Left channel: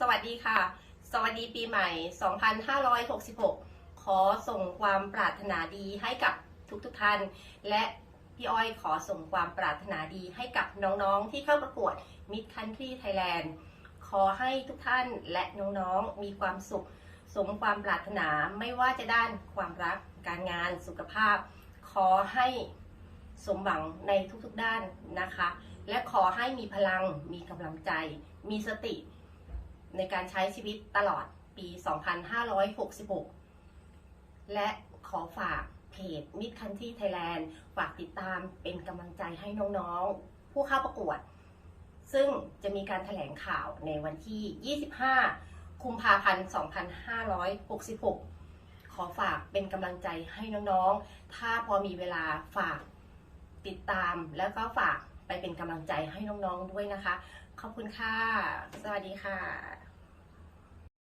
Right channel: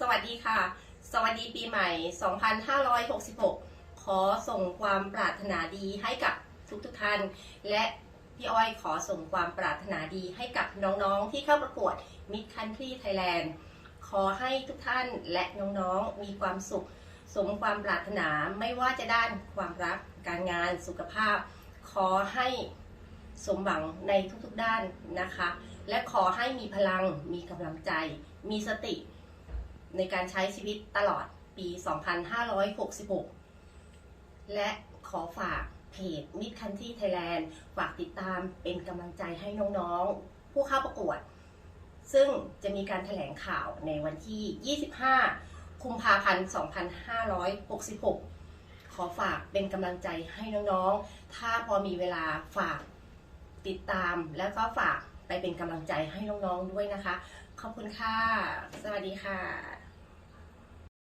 สวัสดีค่ะ สวัสดีปีใหม่ 2566 ขอส่งความปรารถนาดีให้กับทุกๆท่าน และพี่อ้อยขอส่งความปรารถนาดีให้กับน้องๆ ที่เข้าประกวด Mid Country Thailand ขอให้ทุกท่านและน้องๆ มีความสุข สมความปรารถนาไม่ว่าจะด้านความรัก การงาน สุขภาพ ขอให้สมหวังในทุกๆด้านนะคะ และขอให้มีพลัง มีกำลังใจ มีสติ ในการใช้ชีวิตตลอดปี 2566 และขอฝากเพจ Mid Country Thailand ฝากติดตามเป็นกำลังใจให้น้องๆ ผู้เข้าประกวด ซึ่งจะมีการแถลงข่าวในวันที่ 25คุมภาพันธ์ 2566 ขอฝากเป็นกำลังใจให้น้องๆ ถ้าพอมีเวลาฝากติดตามแล้วก็ฝาก ไปเป็นกำลังใจให้น้องๆด้วยนะคะ ขอบคุณค่ะ สวัสดีค่ะ